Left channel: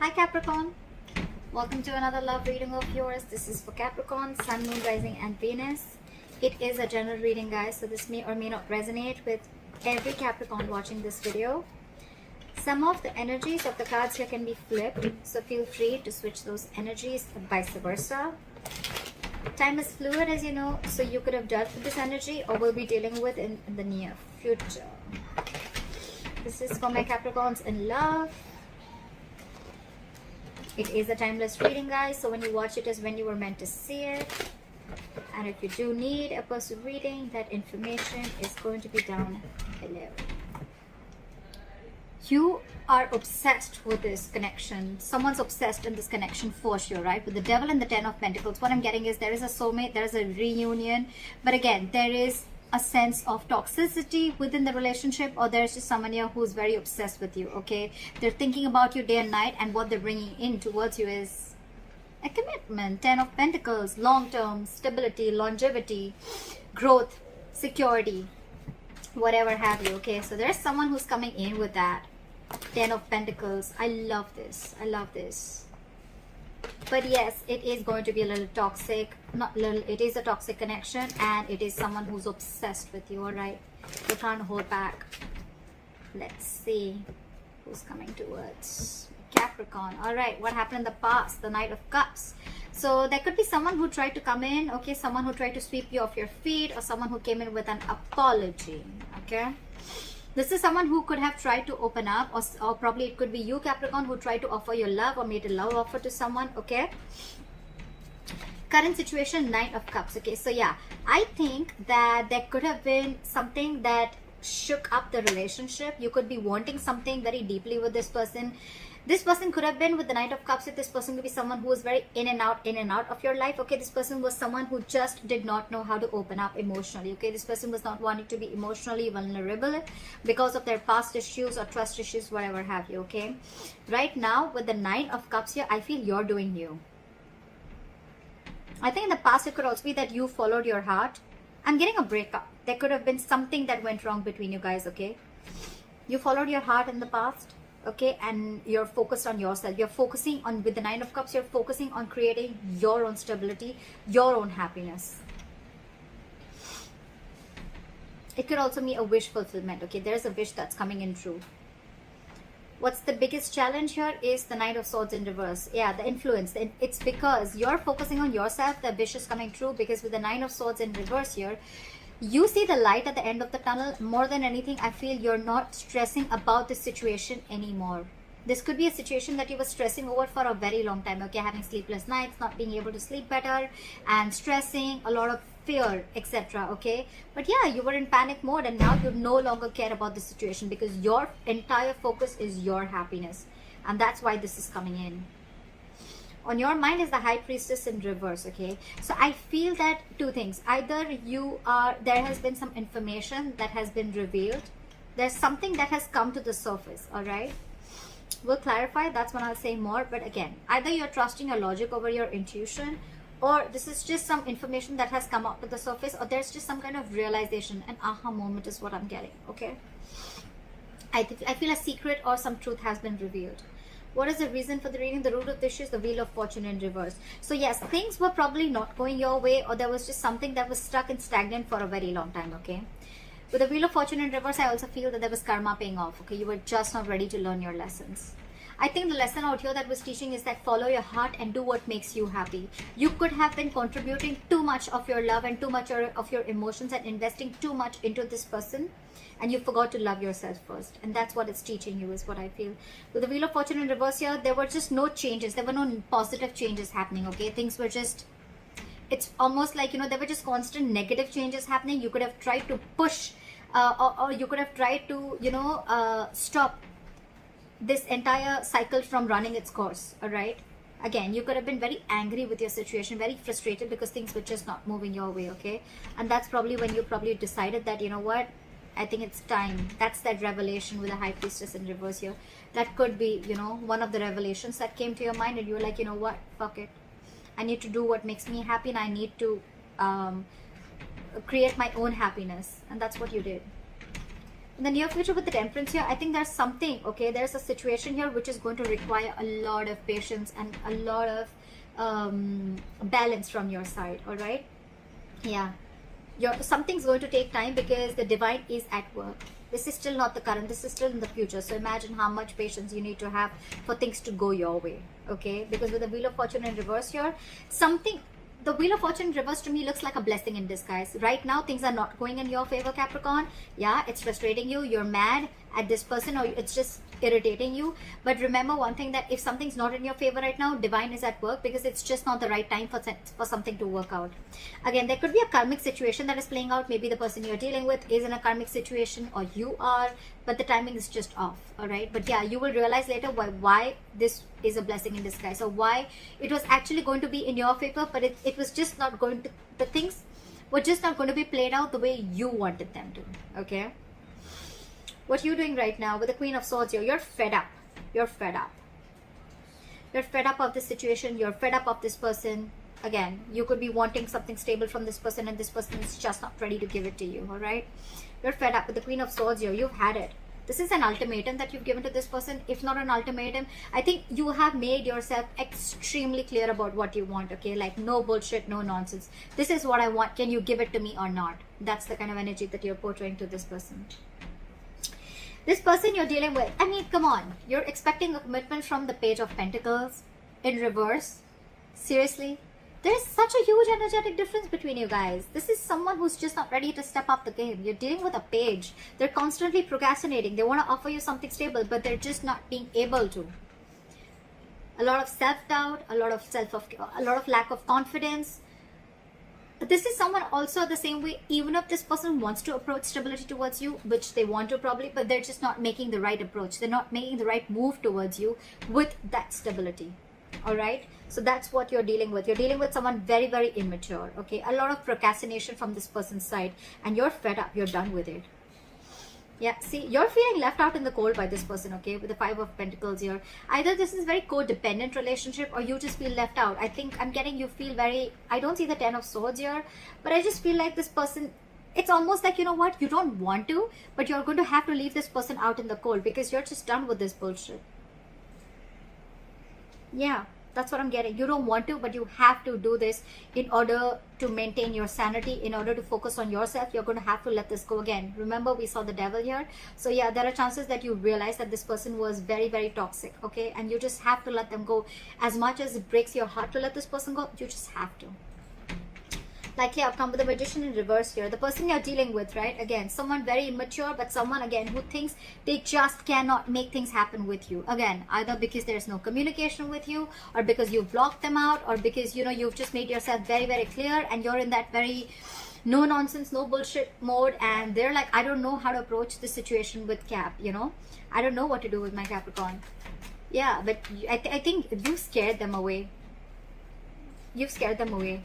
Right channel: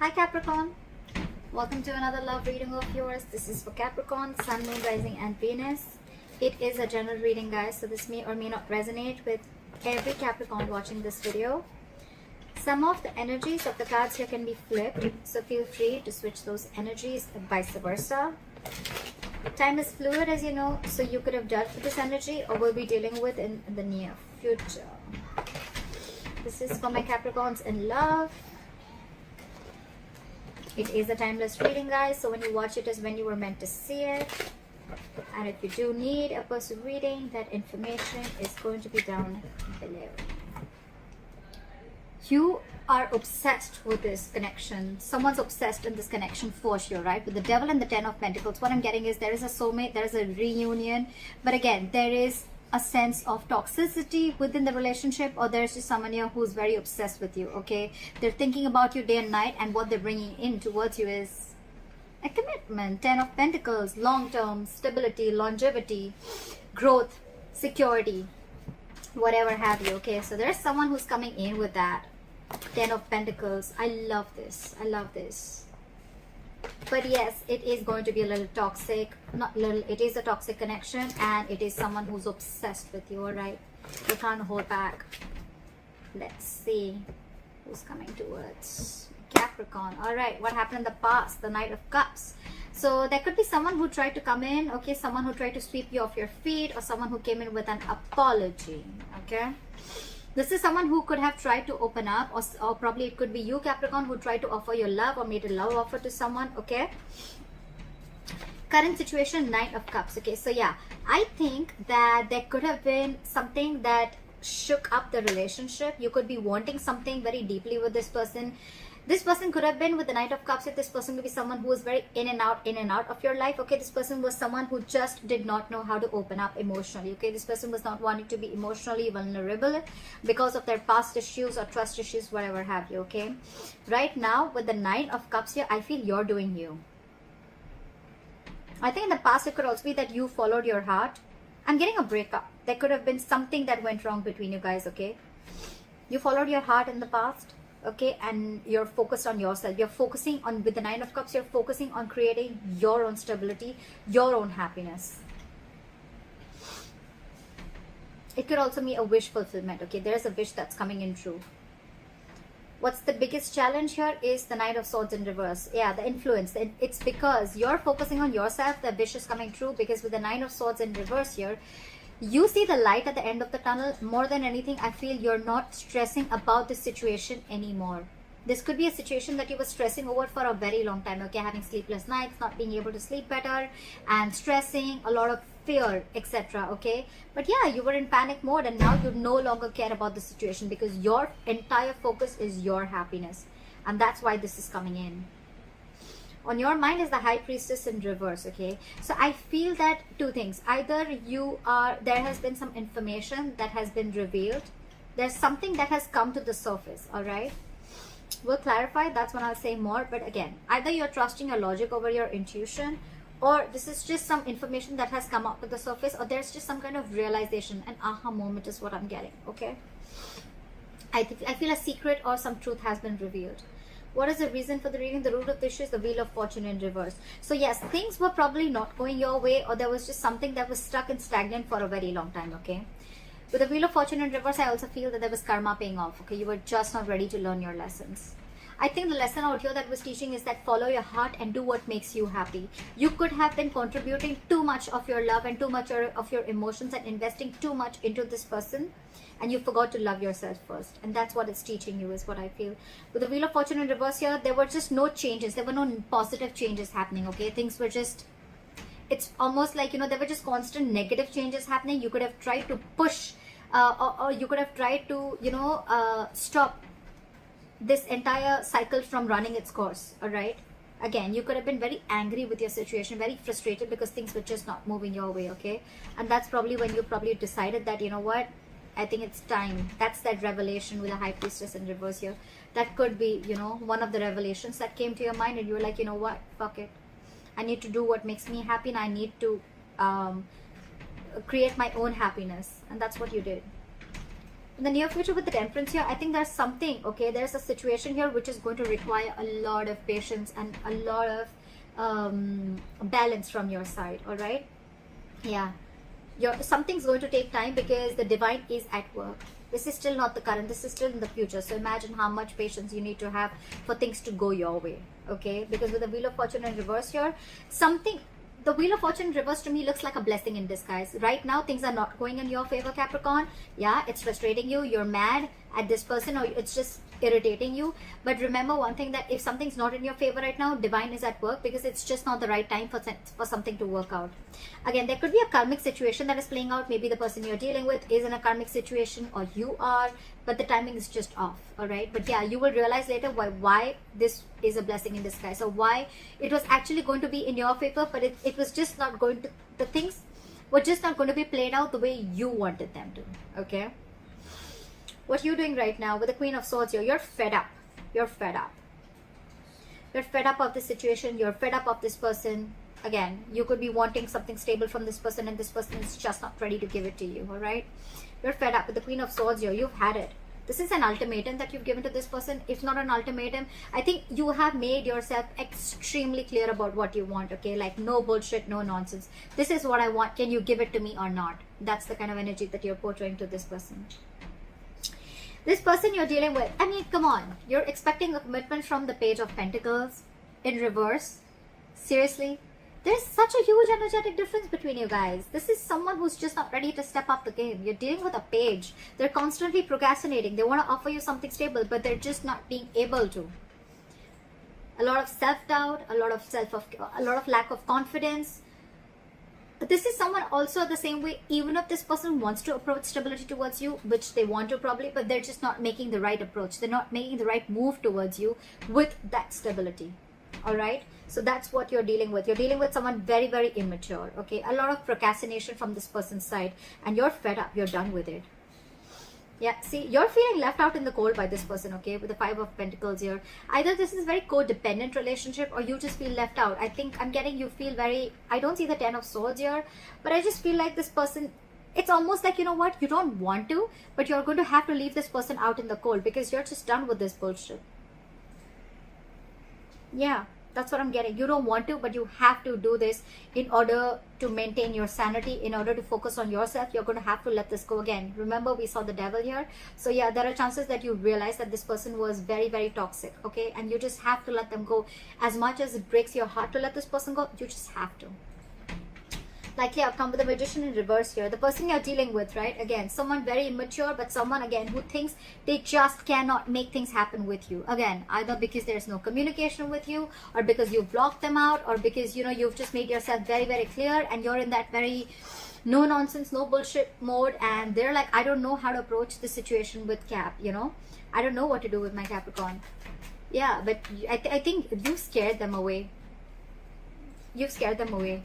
Hi Capricorn, welcome to another love reading of yours. This is for Capricorn, Sun, Moon, Rising and Venus. It is a general reading, guys, so this may or may not resonate with every Capricorn watching this video. Some of the energies of the cards here can be flipped, so feel free to switch those energies and vice versa. Time is fluid, as you know, so you could have dealt with this energy or will be dealing with in the near future. This is for my Capricorns in love. It is a timeless reading, guys, so when you watch it is when you were meant to see it. And if you do need a person reading, that information is going to be down below. You are obsessed with this connection. Someone's obsessed in this connection for sure, right? With the Devil and the Ten of Pentacles, what I'm getting is there is a soulmate, there is a reunion. But again, there is a sense of toxicity within the relationship, or there's just someone here who's very obsessed with you, okay? They're thinking about you day and night, and what they're bringing in towards you is a commitment. 10 of Pentacles, long-term stability, longevity, growth, security, whatever have you, okay? So there's someone who's coming in with that 10 of Pentacles. I love this. I love this. But yes, it is going to be a little toxic. Not little, it is a toxic connection, and it is someone who's obsessed with you, alright? You can't hold back. Let's see who's coming towards Capricorn. Alright, what happened in the past? The Knight of Cups. So there could be someone who tried to come in, okay? Someone who tried to sweep you off your feet, or someone who came in with an apology, okay? This is someone who could have tried to open up, or probably it could be you, Capricorn, who tried to offer your love or made a love offer to someone, okay? Current situation, Knight of Cups, okay? So yeah, I think that there could have been something that shook up the relationship. You could be wanting something very deeply with this person. This person could have been with the Knight of Cups. If this person could be someone who is very in and out of your life, okay? This person was someone who just did not know how to open up emotionally, okay? This person was not wanting to be emotionally vulnerable because of their past issues or trust issues, whatever have you, okay? Right now, with the Nine of Cups here, I feel you're doing you. I think in the past, it could also be that you followed your heart. I'm getting a breakup. There could have been something that went wrong between you guys, okay? You followed your heart in the past, okay, and you're focused on yourself. You're focusing on, with the Nine of Cups, you're focusing on creating your own stability, your own happiness. It could also be a wish fulfillment, okay? There's a wish that's coming in true. What's the biggest challenge here is the Knight of Swords in reverse. Yeah, the influence. It's because you're focusing on yourself, the wish is coming true, because with the Nine of Swords in reverse here, you see the light at the end of the tunnel. More than anything, I feel you're not stressing about the situation anymore. This could be a situation that you were stressing over for a very long time, okay? Having sleepless nights, not being able to sleep better, and stressing, a lot of fear, etc., okay? But yeah, you were in panic mode, and now you no longer care about the situation because your entire focus is your happiness. And that's why this is coming in. On your mind is the High Priestess in reverse, okay? So I feel that two things. Either there has been some information that has been revealed. There's something that has come to the surface, all right? We'll clarify. That's when I'll say more. But again, either you're trusting your logic over your intuition, or this is just some information that has come up to the surface, or there's just some kind of realization. An aha moment is what I'm getting, okay? I feel a secret or some truth has been revealed. What is the reason for the reading? The root of the issue is the Wheel of Fortune in reverse. So yes, things were probably not going your way, or there was just something that was stuck and stagnant for a very long time, okay? With the Wheel of Fortune in reverse, I also feel that there was karma paying off, okay? You were just not ready to learn your lessons. I think the lesson out here that was teaching is that follow your heart and do what makes you happy. You could have been contributing too much of your love and too much of your emotions and investing too much into this person, and you forgot to love yourself first. And that's what it's teaching you, is what I feel. With the Wheel of Fortune in reverse here, there were just no changes. There were no positive changes happening, okay? Things were just, it's almost like, you know, there were just constant negative changes happening. You could have tried to push, or you could have tried to, you know, stop this entire cycle from running its course, all right? Again, you could have been very angry with your situation, very frustrated because things were just not moving your way, okay? And that's probably when you probably decided that, you know what, I think it's time. That's that revelation with the High Priestess in reverse here. That could be, you know, one of the revelations that came to your mind, and you're like, you know what, fuck it. I need to do what makes me happy, and I need to create my own happiness. And that's what you did. In the near future with the Temperance here, I think there's something, okay, there's a situation here which is going to require a lot of patience and a lot of balance from your side. All right, yeah, something's going to take time because the divine is at work. This is still not the current, this is still in the future. So imagine how much patience you need to have for things to go your way. Okay, because with the Wheel of Fortune in reverse here, the Wheel of Fortune reverse to me looks like a blessing in disguise. Right now, things are not going in your favor, Capricorn. Yeah, it's frustrating you. You're mad at this person, or it's just irritating you. But remember one thing, that if something's not in your favor right now, divine is at work, because it's just not the right time for something to work out. Again, there could be a karmic situation that is playing out. Maybe the person you're dealing with is in a karmic situation, or you are, but the timing is just off. All right, but yeah, you will realize later why this is a blessing in disguise, or why it was actually going to be in your favor, but it was just not going to, the things were just not going to be played out the way you wanted them to. Okay, what you're doing right now with the Queen of Swords here, you're fed up. You're fed up. You're fed up of this situation. You're fed up of this person. Again, you could be wanting something stable from this person, and this person is just not ready to give it to you. All right, you're fed up with the Queen of Swords here. You've had it. This is an ultimatum that you've given to this person. If not an ultimatum, I think you have made yourself extremely clear about what you want. Okay, like no bullshit, no nonsense. This is what I want. Can you give it to me or not? That's the kind of energy that you're portraying to this person. This person you're dealing with, I mean, come on. You're expecting a commitment from the Page of Pentacles in reverse. Seriously? There's such a huge energetic difference between you guys. This is someone who's just not ready to step up the game. You're dealing with a page. They're constantly procrastinating. They want to offer you something stable, but they're just not being able to. A lot of self-doubt, a lot of lack of confidence. But this is someone also the same way, even if this person wants to approach stability towards you, which they want to probably, but they're just not making the right approach. They're not making the right move towards you with that stability. All right, so that's what you're dealing with. You're dealing with someone very, very immature. Okay, a lot of procrastination from this person's side, and you're fed up. You're done with it. Yeah, see, you're feeling left out in the cold by this person. Okay, with the Five of Pentacles here, either this is very codependent relationship, or you just feel left out. I think I'm getting you feel very, I don't see the Ten of Swords here, but I just feel like this person, it's almost like, you know what, you don't want to, but you're going to have to leave this person out in the cold because you're just done with this bullshit. Yeah, that's what I'm getting. You don't want to, but you have to do this in order to maintain your sanity, in order to focus on yourself. You're going to have to let this go. Again, remember we saw the Devil here. So yeah, there are chances that you realize that this person was very, very toxic. Okay, and you just have to let them go. As much as it breaks your heart to let this person go, you just have to. Like, yeah, come with the Magician in reverse here. The person you're dealing with, right? Again, someone very immature, but someone, again, who thinks they just cannot make things happen with you. Again, either because there's no communication with you, or because you've blocked them out, or because, you know, you've just made yourself very, very clear, and you're in that very no nonsense, no bullshit mode, and they're like, I don't know how to approach this situation with Cap, you know? I don't know what to do with my Capricorn. Yeah, but I think you scared them away. You've scared them away.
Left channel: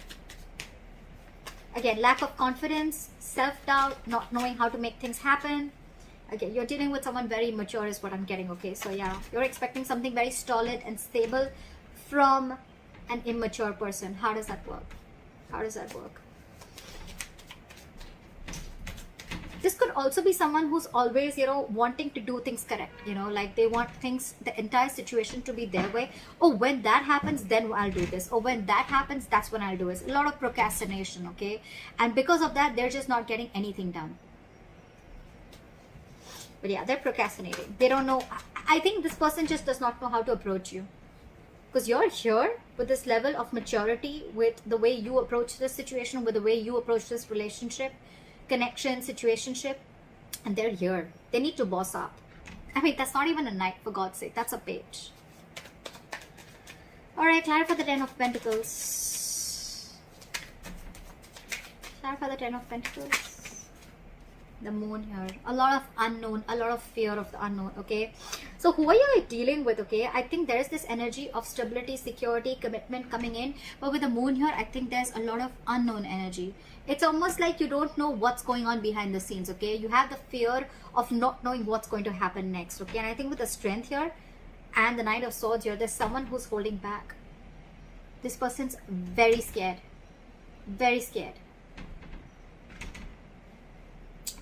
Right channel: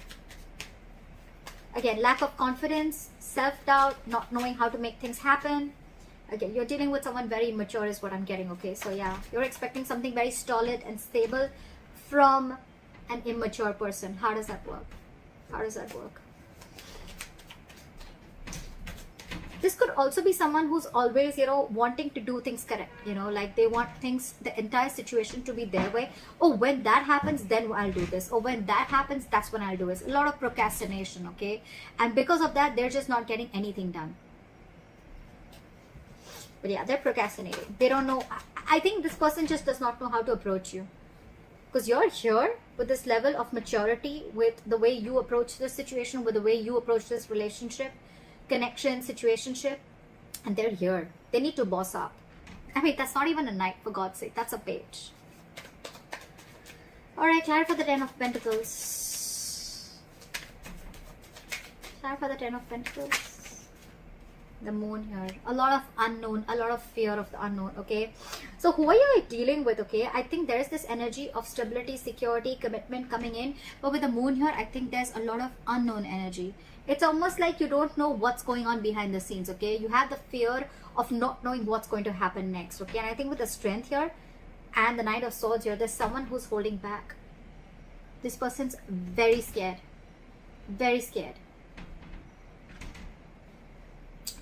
Again, lack of confidence, self-doubt, not knowing how to make things happen. Again, you're dealing with someone very mature is what I'm getting, okay? So yeah, you're expecting something very solid and stable from an immature person. How does that work? How does that work? This could also be someone who's always, you know, wanting to do things correct. You know, like they want things, the entire situation to be their way. Oh, when that happens, then I'll do this. Or when that happens, that's when I'll do this. A lot of procrastination, okay? And because of that, they're just not getting anything done. But yeah, they're procrastinating. They don't know. I think this person just does not know how to approach you. Because you're here with this level of maturity, with the way you approach this situation, with the way you approach this relationship, connection, situationship, and they're here. They need to boss up. I mean, that's not even a knight, for God's sake. That's a page. Alright, clarify the Ten of Pentacles. Clarify the Ten of Pentacles. The Moon here. A lot of unknown, a lot of fear of the unknown, okay? So who are you dealing with, okay? I think there's this energy of stability, security, commitment coming in. But with the Moon here, I think there's a lot of unknown energy. It's almost like you don't know what's going on behind the scenes, okay? You have the fear of not knowing what's going to happen next, okay? And I think with the Strength here and the Knight of Swords here, there's someone who's holding back. This person's very scared. Very scared.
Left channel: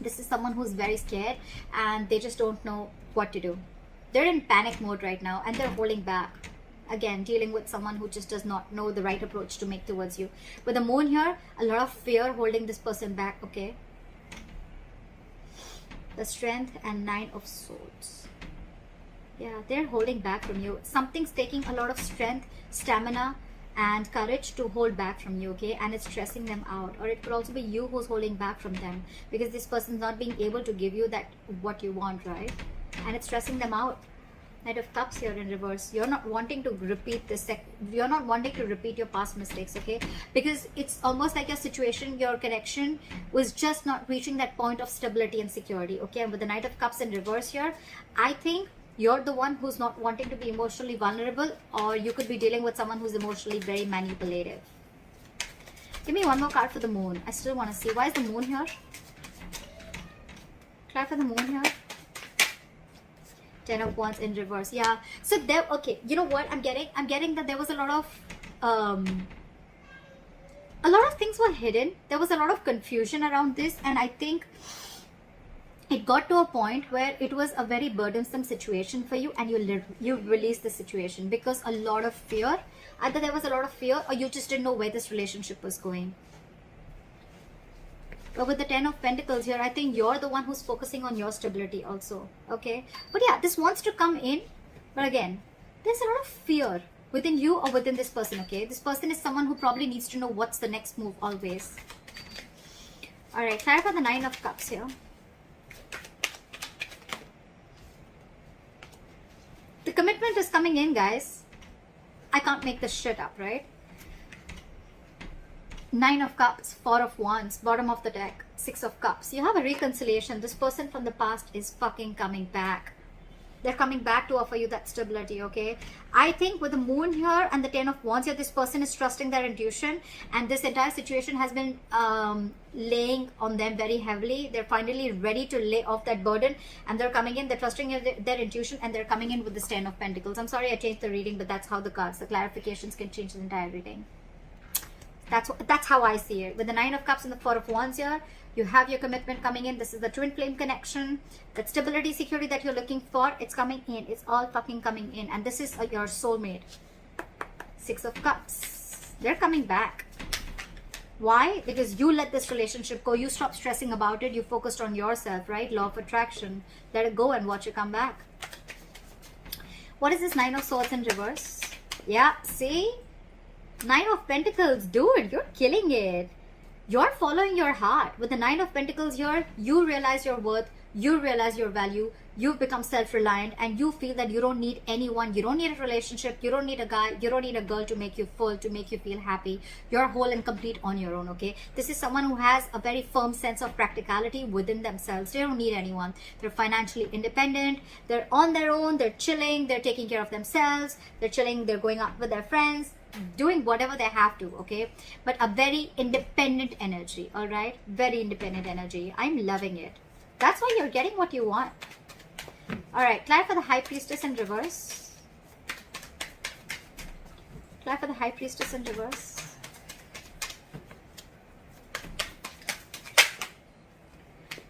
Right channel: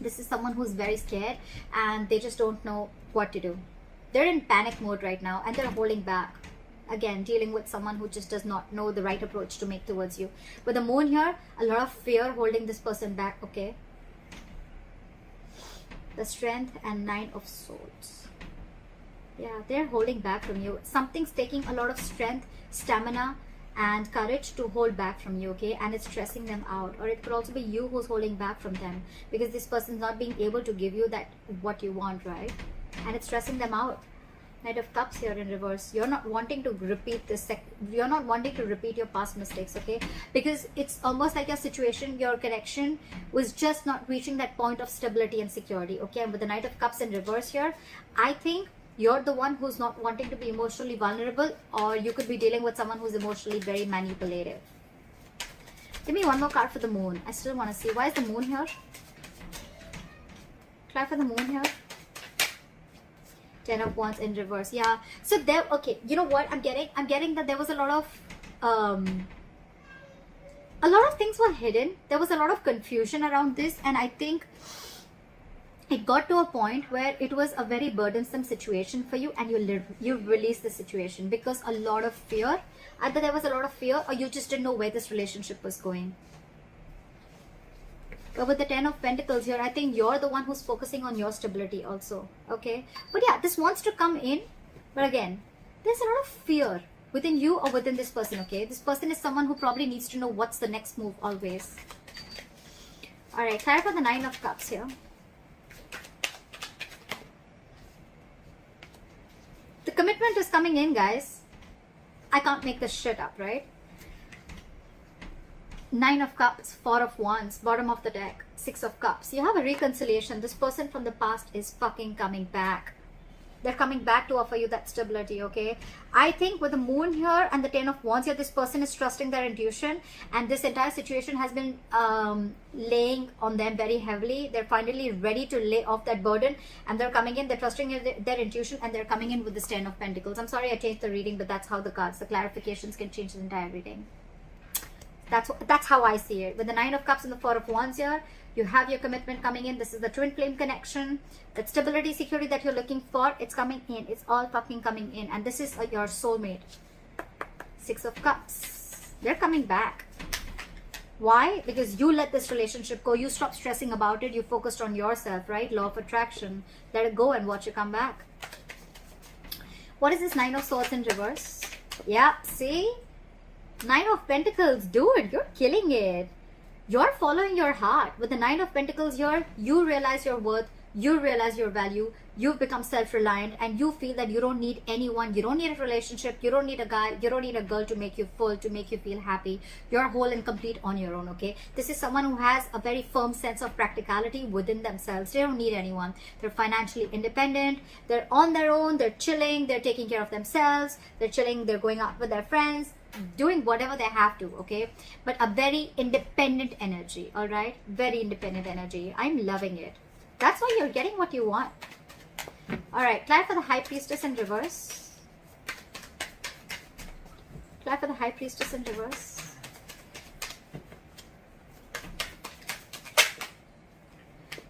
This is someone who's very scared and they just don't know what to do. They're in panic mode right now and they're holding back. Again, dealing with someone who just does not know the right approach to make towards you. With the moon here, a lot of fear holding this person back, okay? The strength and 9 of swords. Yeah, they're holding back from you. Something's taking a lot of strength, stamina, and courage to hold back from you, okay? And it's stressing them out. Or it could also be you who's holding back from them, because this person's not being able to give you that what you want, right? And it's stressing them out. Knight of Cups here in reverse. You're not wanting to repeat this. You're not wanting to repeat your past mistakes, okay? Because it's almost like your situation, your connection was just not reaching that point of stability and security, okay? With the Knight of Cups in reverse here, I think you're the one who's not wanting to be emotionally vulnerable, or you could be dealing with someone who's emotionally very manipulative. Give me one more card for the moon. I still want to see. Why is the moon here? Try for the moon here. 10 of Wands in reverse. Yeah. So there, okay. You know what I'm getting that there was a lot of things were hidden. There was a lot of confusion around this, and I think it got to a point where it was a very burdensome situation for you, and you released the situation because a lot of fear. Either there was a lot of fear, or you just didn't know where this relationship was going. But with the 10 of Pentacles here, I think you're the one who's focusing on your stability also, okay? But yeah, this wants to come in, but again, there's a lot of fear within you or within this person, okay? This person is someone who probably needs to know what's the next move always. Alright, clarify the 9 of Cups here. The commitment is coming in, guys. I can't make this shit up, right? 9 of Cups, 4 of Wands, bottom of the deck, 6 of Cups. You have a reconciliation. This person from the past is fucking coming back. They're coming back to offer you that stability, okay? I think with the moon here and the 10 of Wands here, this person is trusting their intuition, and this entire situation has been laying on them very heavily. They're finally ready to lay off that burden, and they're coming in, they're trusting their intuition, and they're coming in with this 10 of Pentacles. I'm sorry I changed the reading, but that's how the cards, the clarifications can change the entire reading. That's how I see it. With the 9 of Cups and the 4 of Wands here, you have your commitment coming in. This is the twin flame connection. That stability, security that you're looking for, it's coming in. It's all fucking coming in. And this is your soulmate. 6 of Cups. They're coming back. Why? Because you let this relationship go. You stop stressing about it. You focused on yourself, right? Law of attraction. Let it go and watch it come back. What is this 9 of Swords in reverse? Yeah, see? 9 of Pentacles. Dude, you're killing it. You're following your heart. With the 9 of Pentacles here, you realize your worth, you realize your value, you've become self-reliant, and you feel that you don't need anyone, you don't need a relationship, you don't need a guy, you don't need a girl to make you full, to make you feel happy. You're whole and complete on your own, okay? This is someone who has a very firm sense of practicality within themselves. They don't need anyone. They're financially independent, they're on their own, they're chilling, they're taking care of themselves, they're chilling, they're going out with their friends, doing whatever they have to, okay? But a very independent energy, all right? Very independent energy. I'm loving it. That's why you're getting what you want. All right, try for the High Priestess in reverse. Try for the High Priestess in reverse.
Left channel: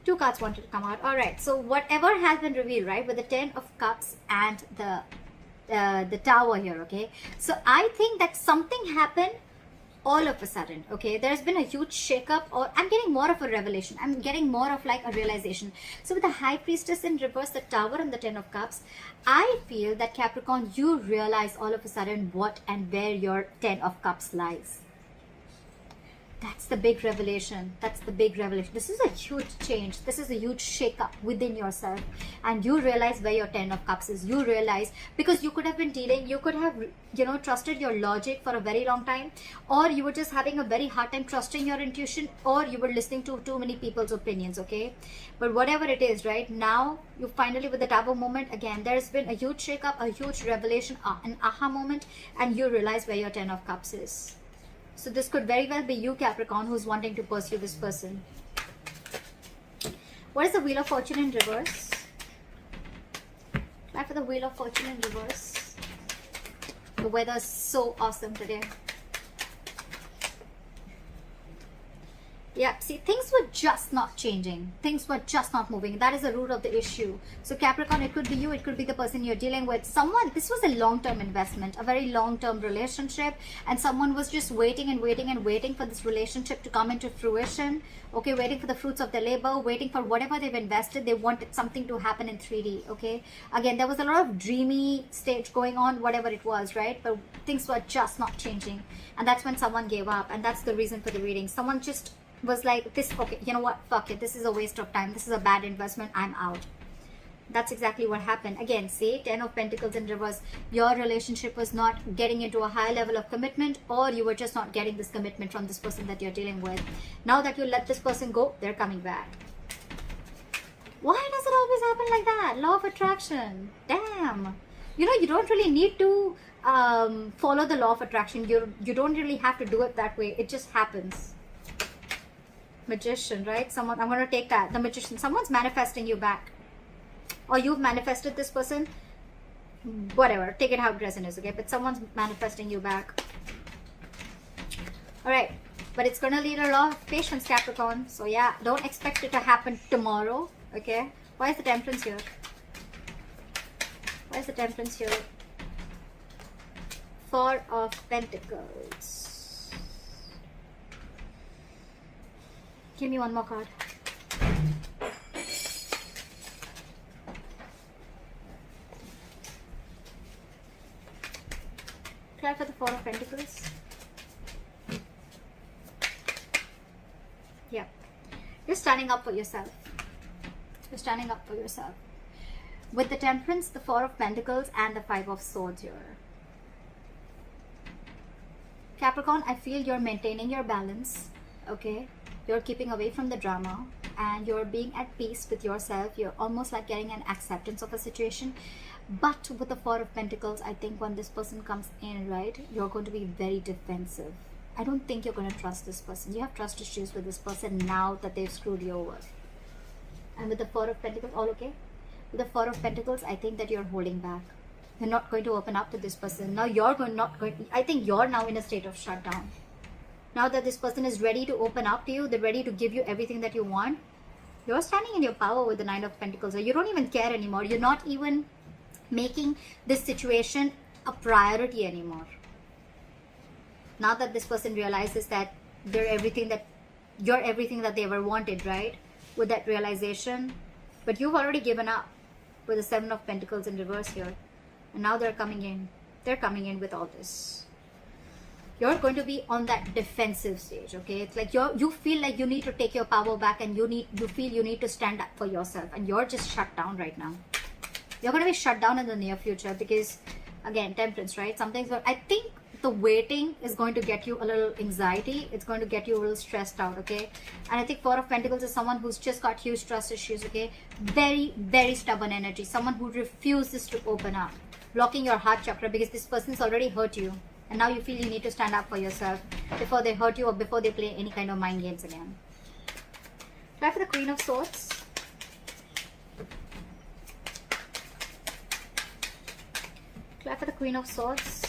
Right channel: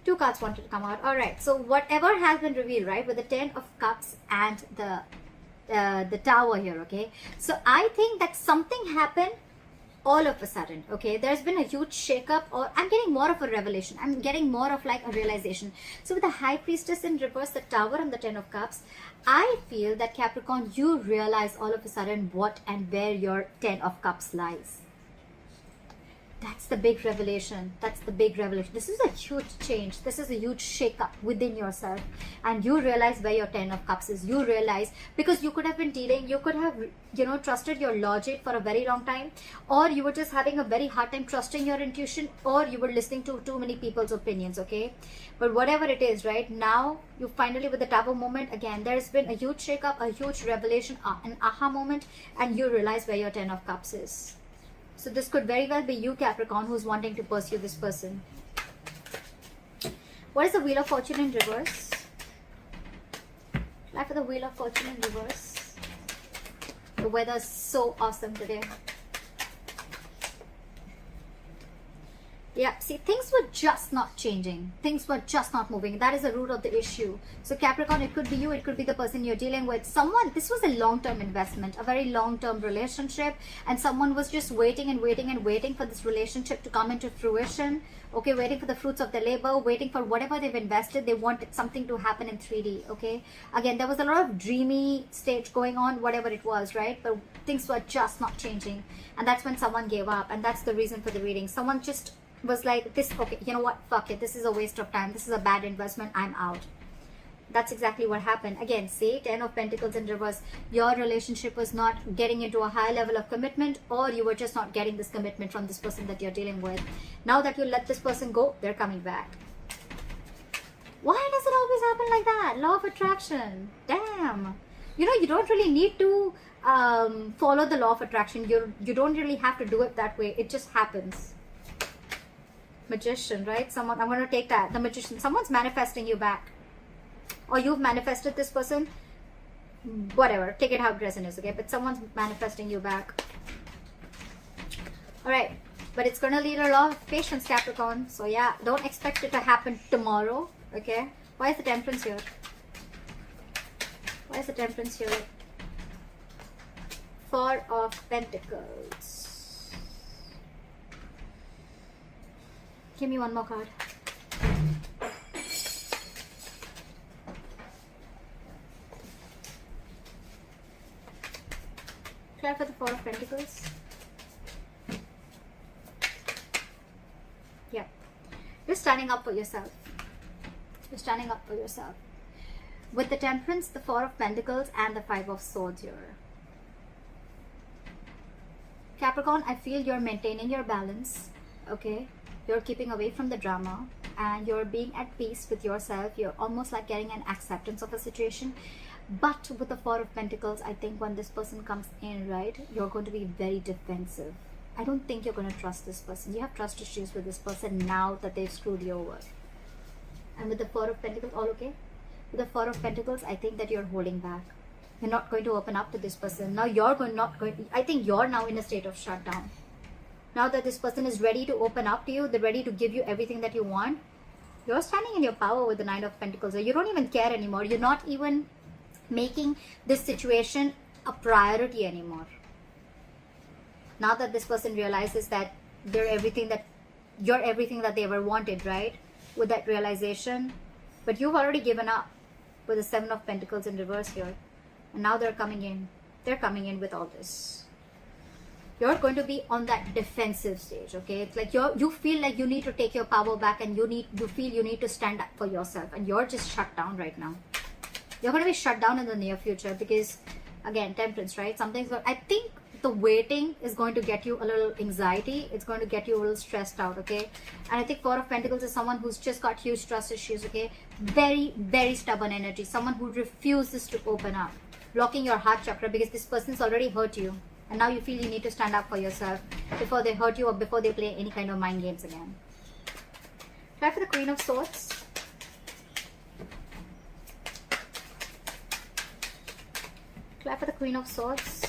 Two cards wanted to come out. All right, so whatever has been revealed, right, with the 10 of Cups and the Tower here, okay? So I think that something happened all of a sudden, okay? There's been a huge shakeup, or I'm getting more of a revelation. I'm getting more of like a realization. So with the High Priestess in reverse, the Tower and the 10 of Cups, I feel that Capricorn, you realize all of a sudden what and where your 10 of Cups lies. That's the big revelation. That's the big revelation. This is a huge change. This is a huge shake-up within yourself. And you realize where your 10 of Cups is. You realize, because you could have been dealing, you could have, you know, trusted your logic for a very long time. Or you were just having a very hard time trusting your intuition. Or you were listening to too many people's opinions, okay? But whatever it is, right? Now, you finally, with the Taboo moment, again, there's been a huge shake-up, a huge revelation, an aha moment. And you realize where your 10 of Cups is. So this could very well be you, Capricorn, who's wanting to pursue this person. What is the Wheel of Fortune in reverse? Try for the Wheel of Fortune in reverse. The weather is so awesome today. Yeah, see, things were just not changing. Things were just not moving. That is the root of the issue. So Capricorn, it could be you, it could be the person you're dealing with. Someone, this was a long-term investment, a very long-term relationship, and someone was just waiting and waiting and waiting for this relationship to come into fruition. Okay, waiting for the fruits of their labor, waiting for whatever they've invested. They wanted something to happen in 3D, okay? Again, there was a lot of dreamy stage going on, whatever it was, right? But things were just not changing. And that's when someone gave up. And that's the reason for the reading. Someone just was like, this, okay, you know what, fuck it, this is a waste of time, this is a bad investment, I'm out. That's exactly what happened. Again, say 10 of Pentacles in reverse. Your relationship was not getting into a high level of commitment, or you were just not getting this commitment from this person that you're dealing with. Now that you let this person go, they're coming back. Why does it always happen like that? Law of attraction. Damn. You know, you don't really need to follow the law of attraction. You don't really have to do it that way. It just happens. Magician, right? Someone, I'm going to take that. The Magician. Someone's manifesting you back. Or you've manifested this person. Whatever. Take it how present is, okay? But someone's manifesting you back. Alright. But it's going to need a lot of patience, Capricorn. So yeah, don't expect it to happen tomorrow, okay? Why is the Temperance here? Why is the Temperance here? Four of Pentacles. Give me one more card. Try for the Four of Pentacles. Yeah. You're standing up for yourself. You're standing up for yourself. With the Temperance, the Four of Pentacles, and the Five of Swords here. Capricorn, I feel you're maintaining your balance, okay? You're keeping away from the drama and you're being at peace with yourself. You're almost like getting an acceptance of a situation. But with the Four of Pentacles, I think when this person comes in, right, you're going to be very defensive. I don't think you're going to trust this person. You have trust issues with this person now that they've screwed you over. And with the Four of Pentacles, all okay? With the Four of Pentacles, I think that you're holding back. You're not going to open up to this person. Now you're not going. I think you're now in a state of shutdown. Now that this person is ready to open up to you, they're ready to give you everything that you want. You're standing in your power with the Nine of Pentacles. You don't even care anymore. You're not even making this situation a priority anymore. Now that this person realizes that you're everything that they ever wanted, right? With that realization, but you've already given up with the Seven of Pentacles in reverse here, and now they're coming in. They're coming in with all this. You're going to be on that defensive stage, okay? It's like you feel like you need to take your power back, and you feel you need to stand up for yourself, and you're just shut down right now. You're going to be shut down in the near future because, again, Temperance, right? Something's, I think the waiting is going to get you a little anxiety. It's going to get you a little stressed out, okay? And I think Four of Pentacles is someone who's just got huge trust issues, okay? Very, very stubborn energy. Someone who refuses to open up, blocking your heart chakra because this person's already hurt you. And now you feel you need to stand up for yourself before they hurt you or before they play any kind of mind games again. Try for the Queen of Swords. Try for the Queen of Swords.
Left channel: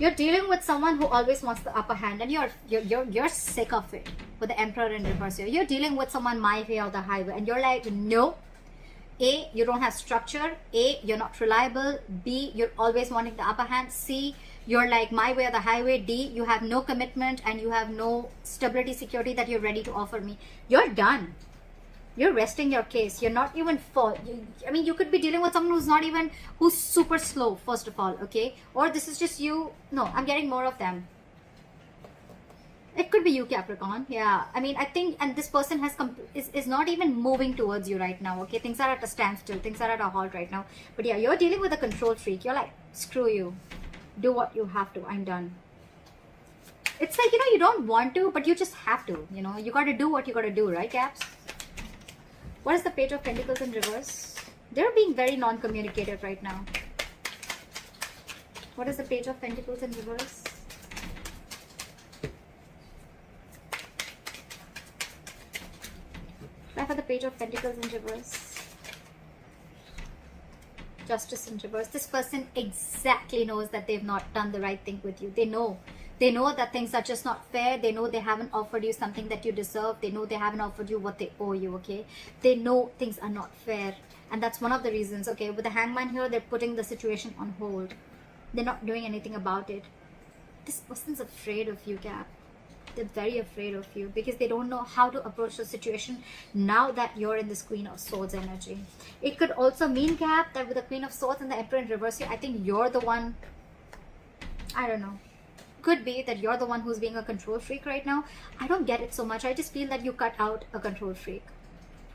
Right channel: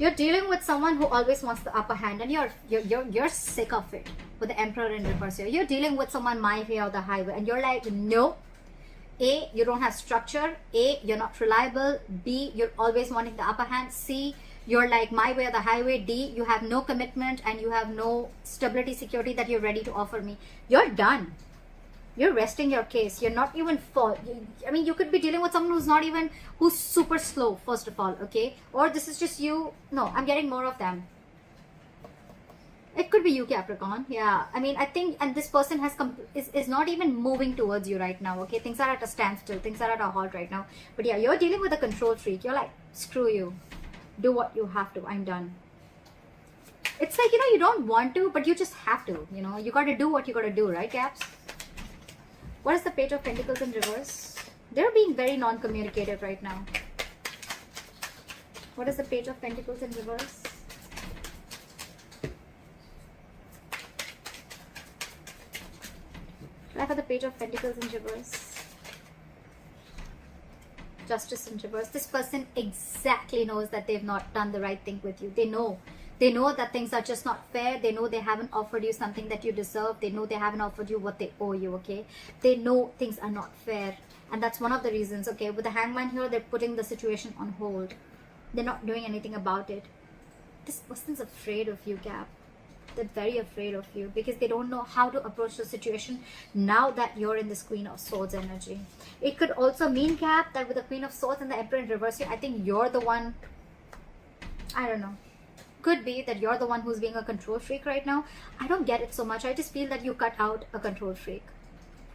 You're dealing with someone who always wants the upper hand, and you're sick of it with the Emperor in reverse here. You're dealing with someone my way or the highway, and you're like, no. A, you don't have structure. A, you're not reliable. B, you're always wanting the upper hand. C, you're like my way or the highway. D, you have no commitment and you have no stability, security that you're ready to offer me. You're done. You're resting your case. You're not even I mean, you could be dealing with someone who's super slow, first of all, okay? Or this is just you. No, I'm getting more of them. It could be you, Capricorn. Yeah, I mean, I think, and this person is not even moving towards you right now, okay? Things are at a standstill. Things are at a halt right now. But yeah, you're dealing with a control freak. You're like, screw you. Do what you have to. I'm done. It's like, you don't want to, but you just have to. You got to do what you got to do, right, Caps? What is the Page of Pentacles in reverse? They're being very non-communicative right now. What is the Page of Pentacles in reverse? Try for the Page of Pentacles in reverse. Justice in reverse. This person exactly knows that they've not done the right thing with you. They know that things are just not fair. They know they haven't offered you something that you deserve. They know they haven't offered you what they owe you, okay? They know things are not fair. And that's one of the reasons, okay? With the Hangman here, they're putting the situation on hold. They're not doing anything about it. This person's afraid of you, Cap. They're very afraid of you because they don't know how to approach the situation now that you're in this Queen of Swords energy. It could also mean, Cap, that with the Queen of Swords and the Emperor in reverse here, I think you're the one, I don't know. Could be that you're the one who's being a control freak right now. I don't get it so much. I just feel that you cut out a control freak.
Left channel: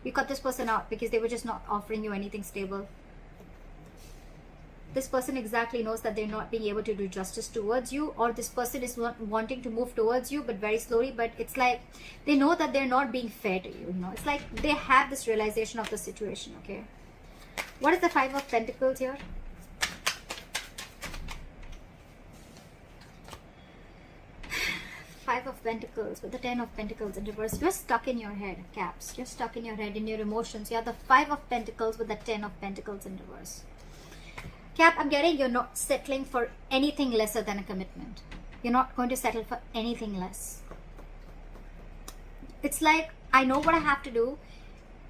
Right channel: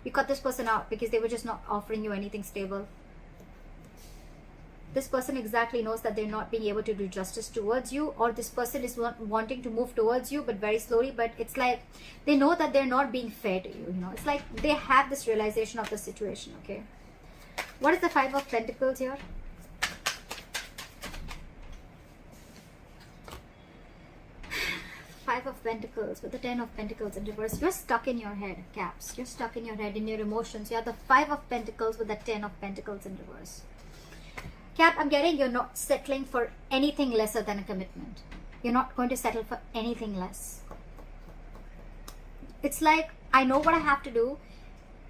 You cut this person out because they were just not offering you anything stable. This person exactly knows that they're not being able to do justice towards you, or this person is wanting to move towards you but very slowly, but it's like they know that they're not being fair to you, you know. It's like they have this realization of the situation, okay? What is the Five of Pentacles here? Five of Pentacles with the 10 of Pentacles in reverse. You're stuck in your head, Caps. You're stuck in your head, in your emotions. You have the Five of Pentacles with the 10 of Pentacles in reverse. Cap, I'm getting you're not settling for anything lesser than a commitment. You're not going to settle for anything less. It's like, I know what I have to do.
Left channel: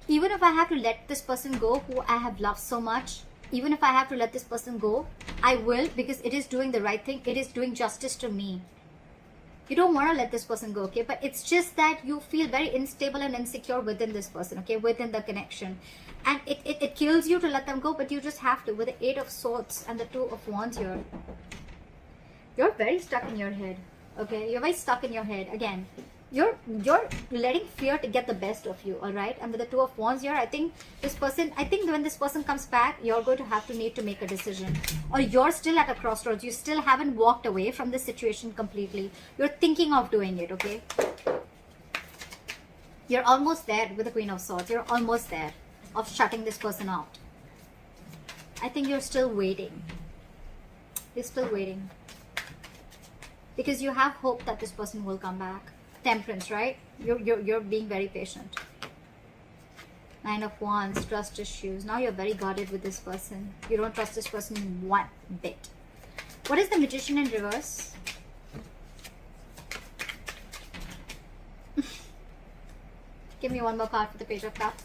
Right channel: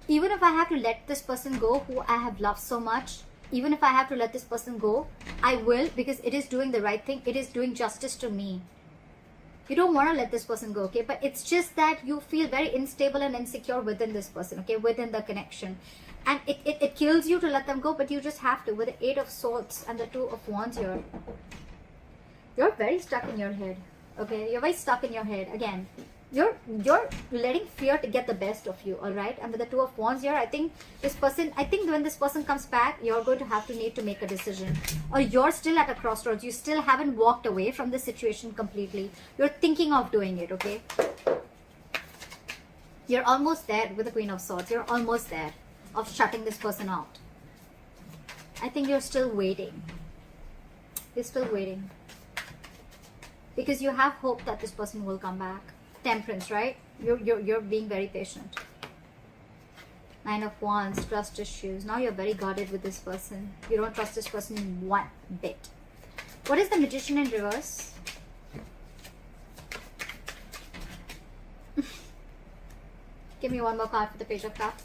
Even if I have to let this person go who I have loved so much, even if I have to let this person go, I will, because it is doing the right thing. It is doing justice to me. You don't want to let this person go, okay? But it's just that you feel very unstable and insecure within this person, okay? Within the connection. And it kills you to let them go, but you just have to. With the Eight of Swords and the Two of Wands here. You're very stuck in your head, okay? You're very stuck in your head. Again, you're letting fear to get the best of you, all right? And with the Two of Wands here, I think when this person comes back, you're going to need to make a decision. Or you're still at a crossroads. You still haven't walked away from the situation completely. You're thinking of doing it, okay? You're almost there with the Queen of Swords. You're almost there of shutting this person out. I think you're still waiting. You're still waiting. Because you have hope that this person will come back. Temperance, right? You're being very patient. Nine of Wands, trust issues. Now you're very guarded with this person. You don't trust this person one bit. What is the Magician in reverse? Give me one more card for the Page of Cups.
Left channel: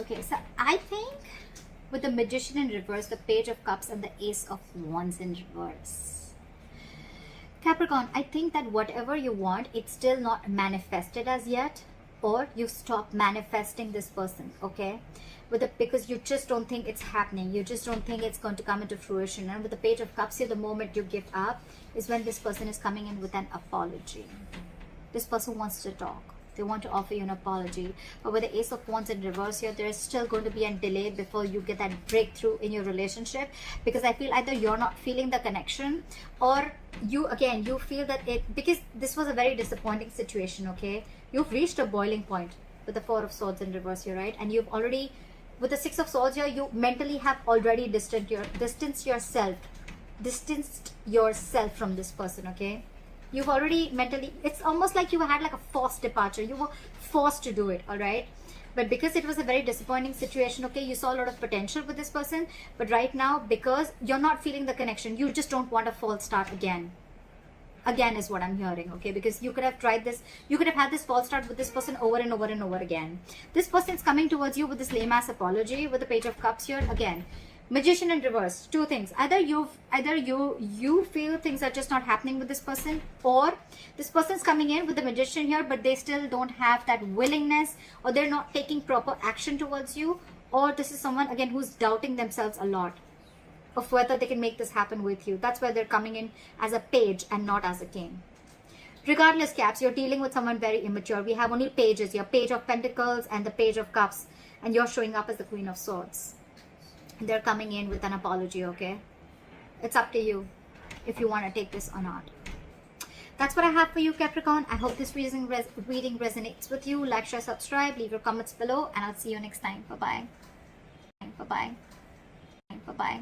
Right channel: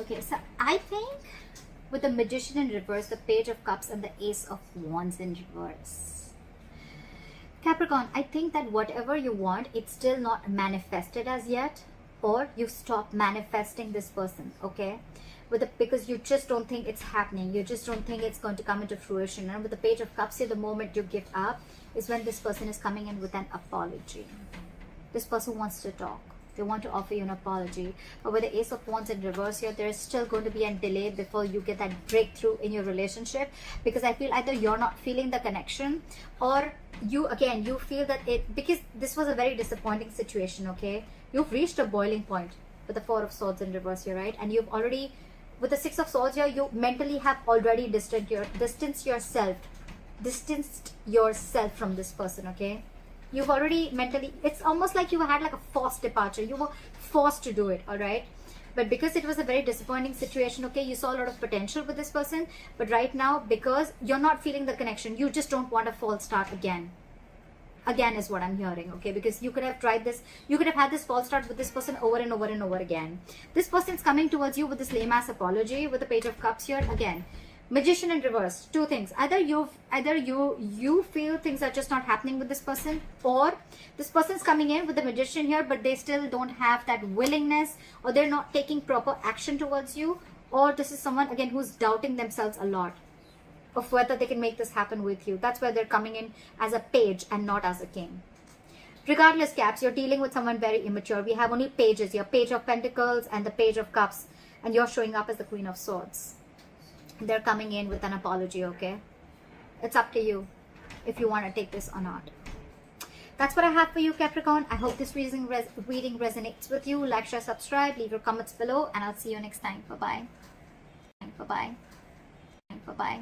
Okay, so I think with the Magician in reverse, the Page of Cups and the Ace of Wands in reverse. Capricorn, I think that whatever you want, it's still not manifested as yet, or you stop manifesting this person, okay? Because you just don't think it's happening. You just don't think it's going to come into fruition. And with the Page of Cups here, the moment you give up is when this person is coming in with an apology. This person wants to talk. They want to offer you an apology. But with the Ace of Wands in reverse here, there is still going to be a delay before you get that breakthrough in your relationship. Because I feel either you're not feeling the connection, or you feel that because this was a very disappointing situation, okay? You've reached a boiling point with the Four of Swords in reverse here, right? And you've already, with the Six of Swords here, you mentally have already distanced yourself from this person, okay? You've already mentally, it's almost like you had like a forced departure. You were forced to do it, all right? But because it was a very disappointing situation, okay, you saw a lot of potential with this person. But right now, because you're not feeling the connection, you just don't want a false start again. Again is what I'm hearing, okay? Because you could have tried this, you could have had this false start with this person over and over and over again. This person's coming towards you with this lame-ass apology with the Page of Cups here again. Magician in reverse, two things. Either you feel things are just not happening with this person, or this person's coming in with the Magician here, but they still don't have that willingness, or they're not taking proper action towards you, or this is someone again who's doubting themselves a lot of whether they can make this happen with you. That's why they're coming in as a page and not as a king. Regardless, Caps, you're dealing with someone very immature. We have only pages here, Page of Pentacles and the Page of Cups, and you're showing up as the Queen of Swords. They're coming in with an apology, okay? It's up to you if you want to take this or not. That's what I have for you, Capricorn. I hope this reading resonates with you. Like, share, subscribe, leave your comments below, and I'll see you next time. Bye-bye. Bye-bye. Bye-bye.